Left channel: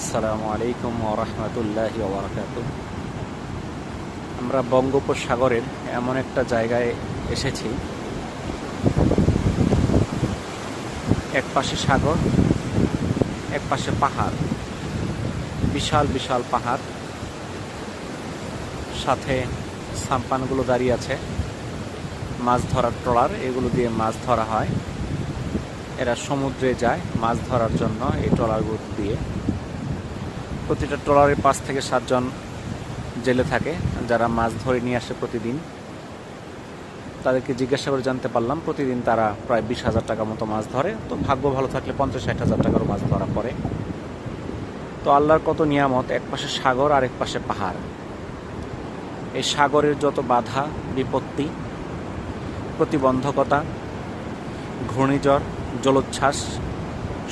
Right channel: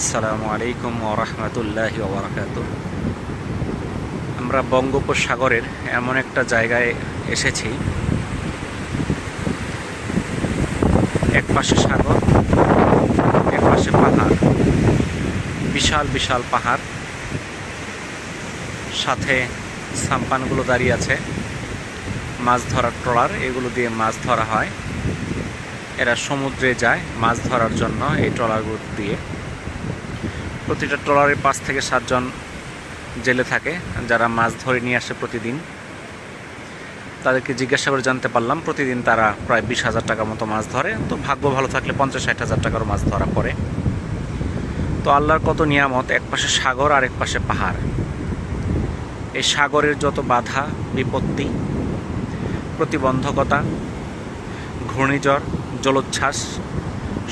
আসসালামু আলাইকুম ওয়া রাহমাতুল্লাহি ওয়া বারাকাতুহু। আমরা বঙ্গোপসাগরের এমন একটা জায়গায় এসেছি, এক পাশে সাগর, এক পাশে পাহাড়, বিশাল বিশাল পাহাড়, সাথে সাম্পানগুলো দাঁড়িয়ে আছে, মাছ ধরার ট্রলার, এগুলো দিয়ে মাছ ধরা হয়। এরা সমুদ্রে যায় মাছ ধরার জন্য এই ট্রলারগুলো দিয়ে। প্রতিটা ট্রলারে 5 থেকে 7 জন জেলে থাকে, যারা মাছ ধরে নিয়ে আসে প্রতিদিন। তাদেরকে জিজ্ঞাসা করে জানতে পারলাম প্রতিদিন তারা প্রায় 20,000 টাকা মতো মাছ ধরে। তো ভাগ্য ভালো থাকলে 50-60 হাজার টাকারও মাছ ধরা পড়ে। তো আল্লাহর কত নিয়ামত, এক পাশে সাগর আর এক পাশে পাহাড়। এই সাগরের যত বাধা বিপত্তি, প্রতিবন্ধকতা, ঘূর্ণিঝড়, জলোচ্ছ্বাস,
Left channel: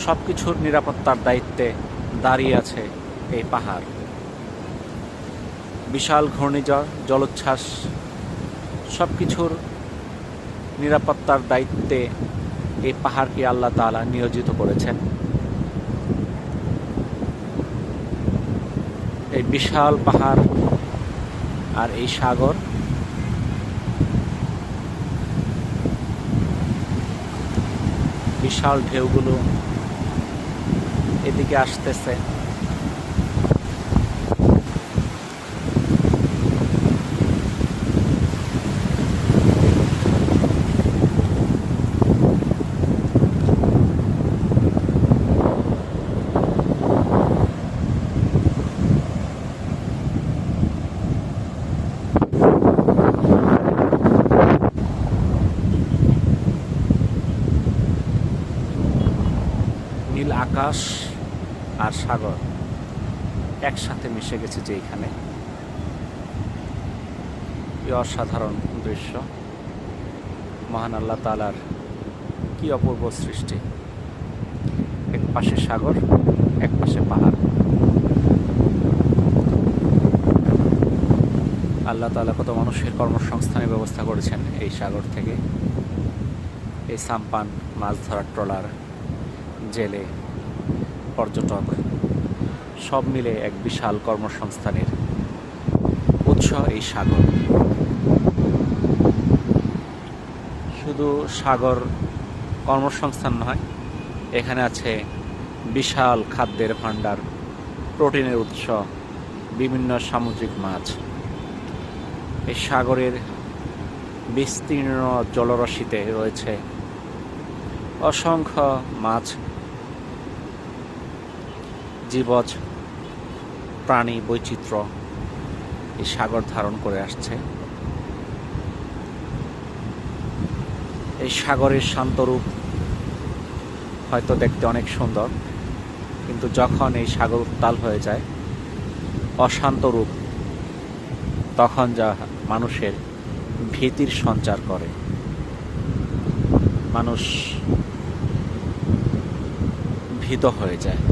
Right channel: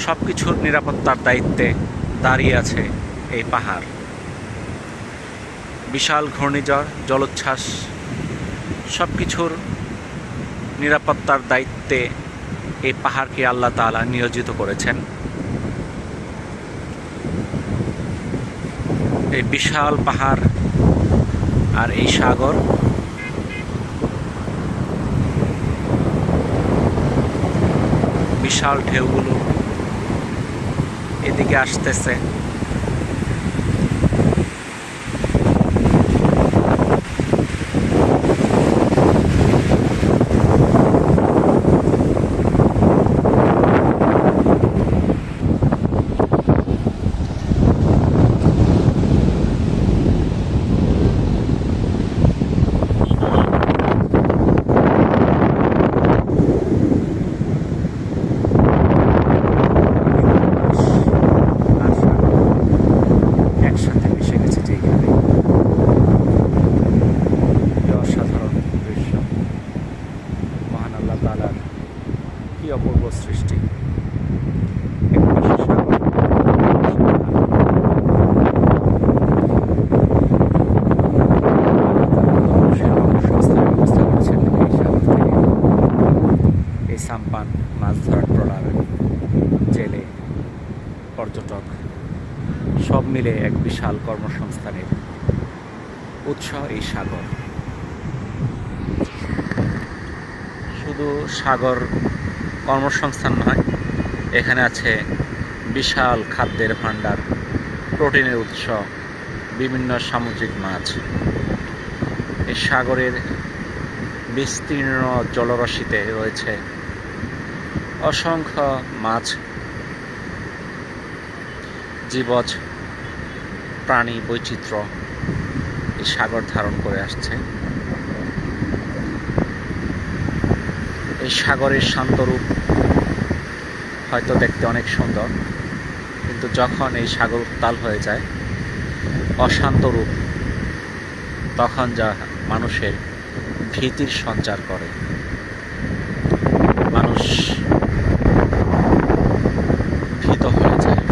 সব কিছুর নিরাপত্তার দায়িত্বে দাঁড়িয়ে আছে এই পাহাড়। বিশাল ঘূর্ণিঝড়, জলোচ্ছ্বাস, সব কিছুর নিরাপত্তার দায়িত্বে এই পাহাড়কে আল্লাহ তাআলা নিয়োজিত করেছেন। এই বিশাল পাহাড় আর এই সাগর, বিশাল ঢেউগুলো এদিকে আসতেছে। আকাশ আর সাগর একসাথে মিশে গেছে যেখানে, কি অসাধারণ দৃশ্য! মহান আল্লাহ তাআলার কি অপূর্ব সৃষ্টি! এক পাশে সাগর, এক পাশে পাহাড়। আল্লাহ তাআলা কত মানুষের কর্মসংস্থানের ব্যবস্থা করেছেন এই সাগর থেকে। এই সাম্পান, মাছ ধরার ট্রলার, জেলে, পর্যটক, সব মিলে এক বিশাল কর্মসংস্থানের উৎস এই সাগর। শুধু সাগর কর্মসংস্থান নয়, এখানে আছে বিশাল খাদ্যের ভাণ্ডার, প্রোটিনের উৎস, বিভিন্ন সামুদ্রিক মাছ। এই সাগরের বিস্তীর্ণ জলরাশিতে রয়েছে অসংখ্য মাছ, জীবজ প্রাণী বৈচিত্র্য এই সাগর ধারণ করে আসছে। এই সাগরের শান্তরূপ হয়তো দেখতে অনেক সুন্দর, কিন্তু যখন এই সাগর উত্তাল হয়ে যায়, অশান্ত রূপ, তখন যা মানুষের ভীতির সঞ্চার করে। মানুষ ভীত হয়ে যায়।